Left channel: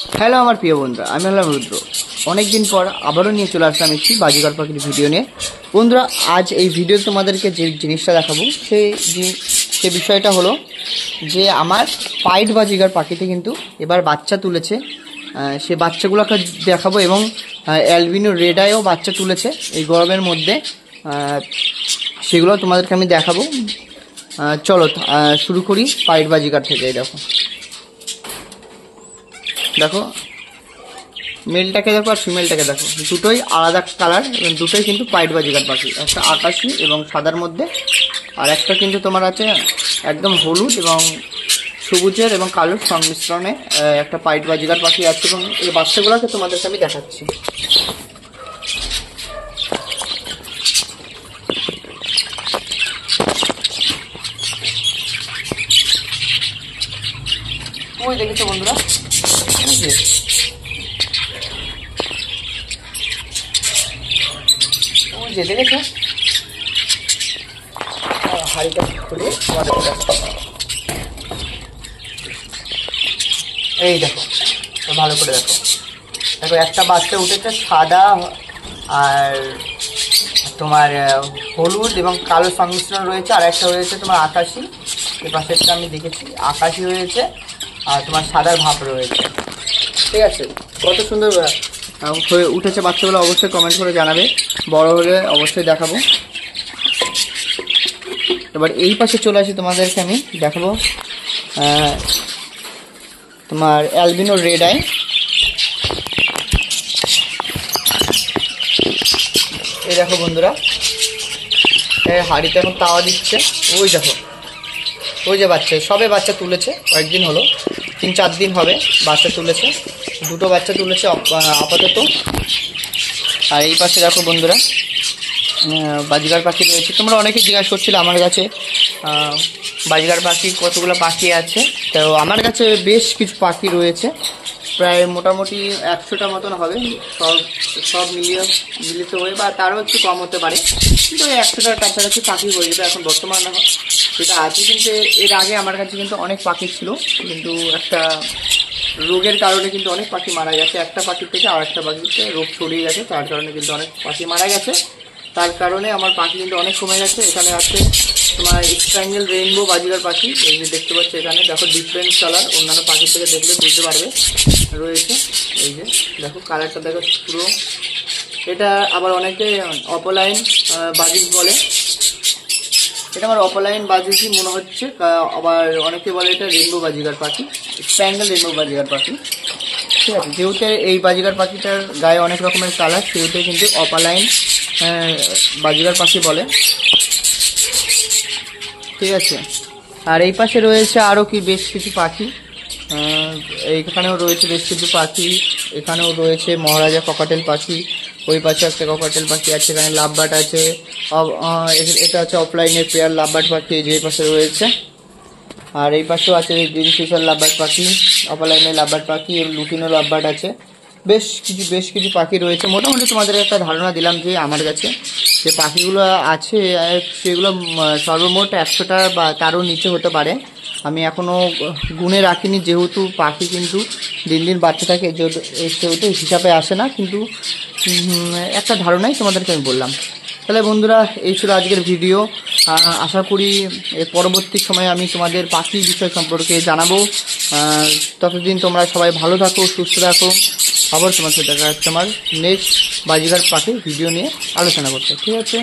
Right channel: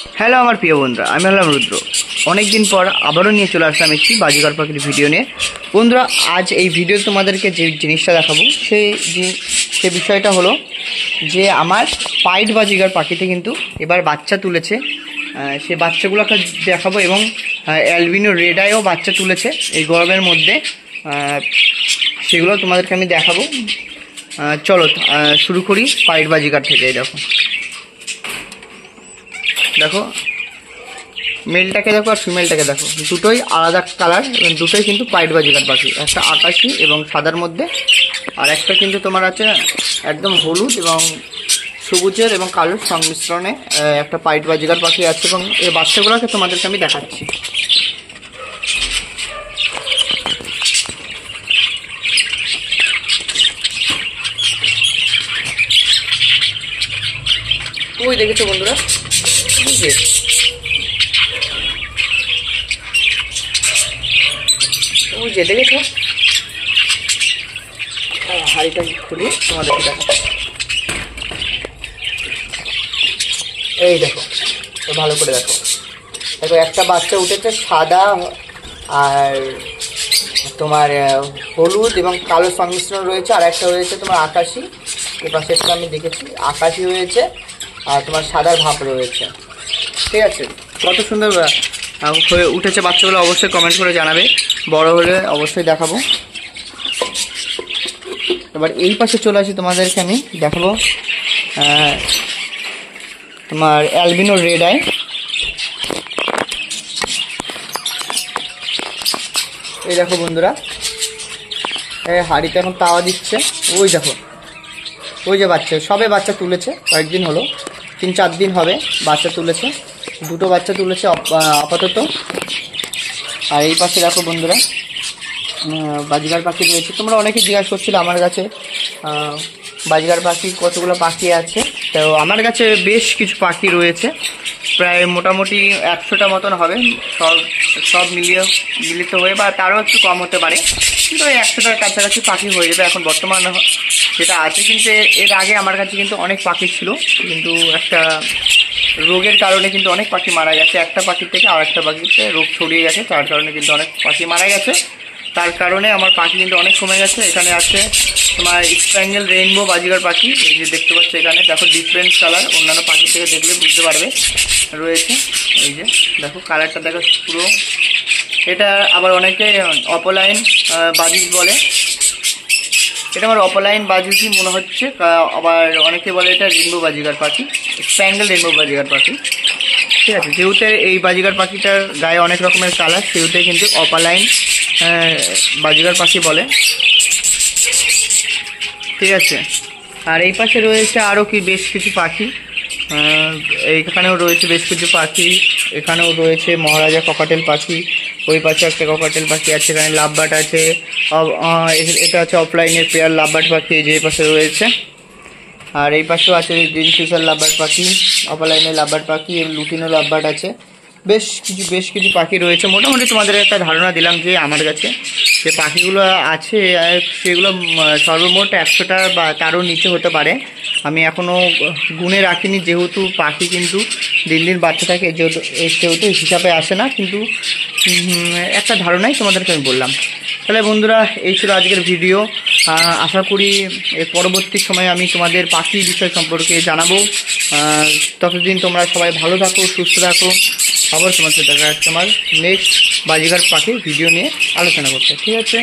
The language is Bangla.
হ্যালো আমার প্রিয় বন্ধুরা, আমি হলাম রুদ্র। অনেক দিন পর আবারও নিয়ে চলে আসলাম একটি বাজিঘর পাখির ভিডিও নিয়ে। বন্ধুরা, আজ এই ভিডিও তোমাদেরকে যে জিনিসটা দেখাবো সে বিষয়টা হলো যে আমার পাইট বাজিঘর পাখিতে কিন্তু এবার বাচ্চা তুলেছে। সে বাচ্চাগুলোকে দেখাবো এবং অ্যালবিনো রেড আইও বাচ্চা তুলেছে এই গরমের মধ্যে। সেগুলো তোমাদেরকে আমি দেখাবো। চলো শুরু করি পাইট বাজিঘর থেকে। দেখো মেলটাকে দেখো আর ফিমেলটাকে দেখো, দুটোই আলাদা কালার এবং দুটোই কিন্তু পাইট বাজিঘর পাখি। একটা আকাশি এবং সাদার মধ্যে, আর একটা কিন্তু তোমার আছে একদম হলুদ এবং সবুজের এবং কালোর সংমিশ্রণে একটা পাইট বাজিঘর পাখি আছে। এবং এই বাচ্চাগুলোকে তোমাদেরকে আমি দেখাচ্ছি। ওই দেখেছো বন্ধুরা, দেখেছো হাড়িটা খুলে তোমাদের এই দেখো, ভালো করে দেখো। দেখো একটা বাচ্চা উঠেছে সাদা আর তোমার হলুদ এবং কালো সংমিশ্রণ রয়েছে, আর একটা হয়েছে তোমার আকাশি। এই পাশেরটা আমি দেখেছি, আকাশি হয়েছে আর তোমার সাদার ভাব রয়েছে। ঠিক আছে, কত সুন্দর হয়ে উঠেছে বাচ্চাগুলো, অবশ্যই কমেন্ট করে জানাবে। বড় হলে অবশ্যই দেখাবো। এবার এই পাশে চলে আসি, তোমাদেরকে আমি দেখাবো তোমার অ্যালবিনো রেড আই। এই দেখো বন্ধুরা, হাড়িতে এখন তাওয়া দিচ্ছে। ওই দেখো, ওই যে বাচ্চা, সবে বাচ্চা তুলেছে, কয়েকদিন হলো, 3-4 দিন হবে বাচ্চা তুলেছে। দুটো বাচ্চা তুলেছে আপাতত। আর এই পাশে দেখো বন্ধুরা বাজিঘর পাখি রয়েছে। তোমরা অনেকে জিজ্ঞাসা করছিলে আমার কাছে বাজিঘর পাখি কতগুলো পাখি আছে। তো আমার কাছে বেশ কিছু পাখি রয়েছে, প্রায় মোটামুটি 100টা মতন হবে। সব মিলিত হয়ে বা তারও একটু কম হতে পারে, কিন্তু ওই 100টার কাছাকাছি পাখি হয়ে যাবে এখন বর্তমানে যেটা আছে। কিন্তু এর আগে আমার কাছে কিন্তু অনেক পাখি ছিল, কিন্তু একটা রোগের কারণে কিন্তু অনেক পাখি মারা গেছে। একটা পাখির থেকে আর একটা পাখিতে রোগ ছড়িয়ে গেছে, তার কারণে কিন্তু অনেক পাখি মারা গেছে। তার কারণে আমার পাখি কিন্তু অনেক কমে গেছে। এখানে আছে তোমার স্প্যাঙ্গেল রেইনবো বাজিঘর পাখি, এই যে দেখতে পাচ্ছ। এখানে দেখো ডিফারেন্ট কালার, অন্যান্য পাখি থেকে দেখলে বুঝতে পারবে রয়েছে। এই যে দেখো কালারটা দেখো পুরো। এটা আবার অনেকে অপলাইন বাজিক বলে, এটা আমার অপলাইন বাজিকই মনে হচ্ছে। আবার অনেকে বলে এটা রেইনবো বাজিঘর পাখি, স্প্যাঙ্গেল রেইনবো বাজিঘর পাখি। ঠিক আছে, যেহেতু এই বাজিঘর পাখিটার গায়ে অনেক রকমের কালার, সেহেতু কিন্তু অপালাইন বাজিঘর পাখি বলে। ঠিক আছে, আর এই পাশে রয়েছে আরও বেশ কিছু পাখি। এইখানেও রয়েছে বেশ কিছু পাখি। এখানেও রয়েছে মহারাজা ককাটেল পাখি, ওই পাশে একটা ককাটেল পাখি আছে। এখানে লাভবার্ড আছে, এটা আছে অফলাইনের পেয়ার লাভবার্ড পাখি, যে পাশে রয়েছে। আর এই পাশেও আছে গ্রিন ফিশার লাভবার্ড পাখি, অফলাইনের লাভবার্ড পাখি, লুটিনো লাভবার্ড আছে। বেশ কিছু পাখি রয়েছে। মোটামুটি তোমাদের একটা ধারণা দিলাম যে আমার কাছে যে পাখিগুলো আছে সেগুলো সর্বমোট 100টা বা তারও নিচে হতে পারে। আমি এখনও গুনে রাখিনি, যেহেতু পাখি কিন্তু দিন দিন বাচ্চা থাকে, সেহেতু হিসাবে আসে না, কিন্তু একটা ধারণাই তোমাদেরকে আমি বললাম। তাহলে বন্ধুরা, এই ছিল আজকের ভিডিও। আশা করি এর পরবর্তী সময়ে আমি তোমাদের পাখি বিষয় সম্পর্কে জানাবো। ততদিন তোমরা সবাই ভালো থাকো, সুস্থ থাকো। আবার তোমার সাথে দেখা যাচ্ছে আমার নেক্সট বাজিঘর পাখির ভিডিও নিয়ে আলোচনা করতে। ঠিক আছে।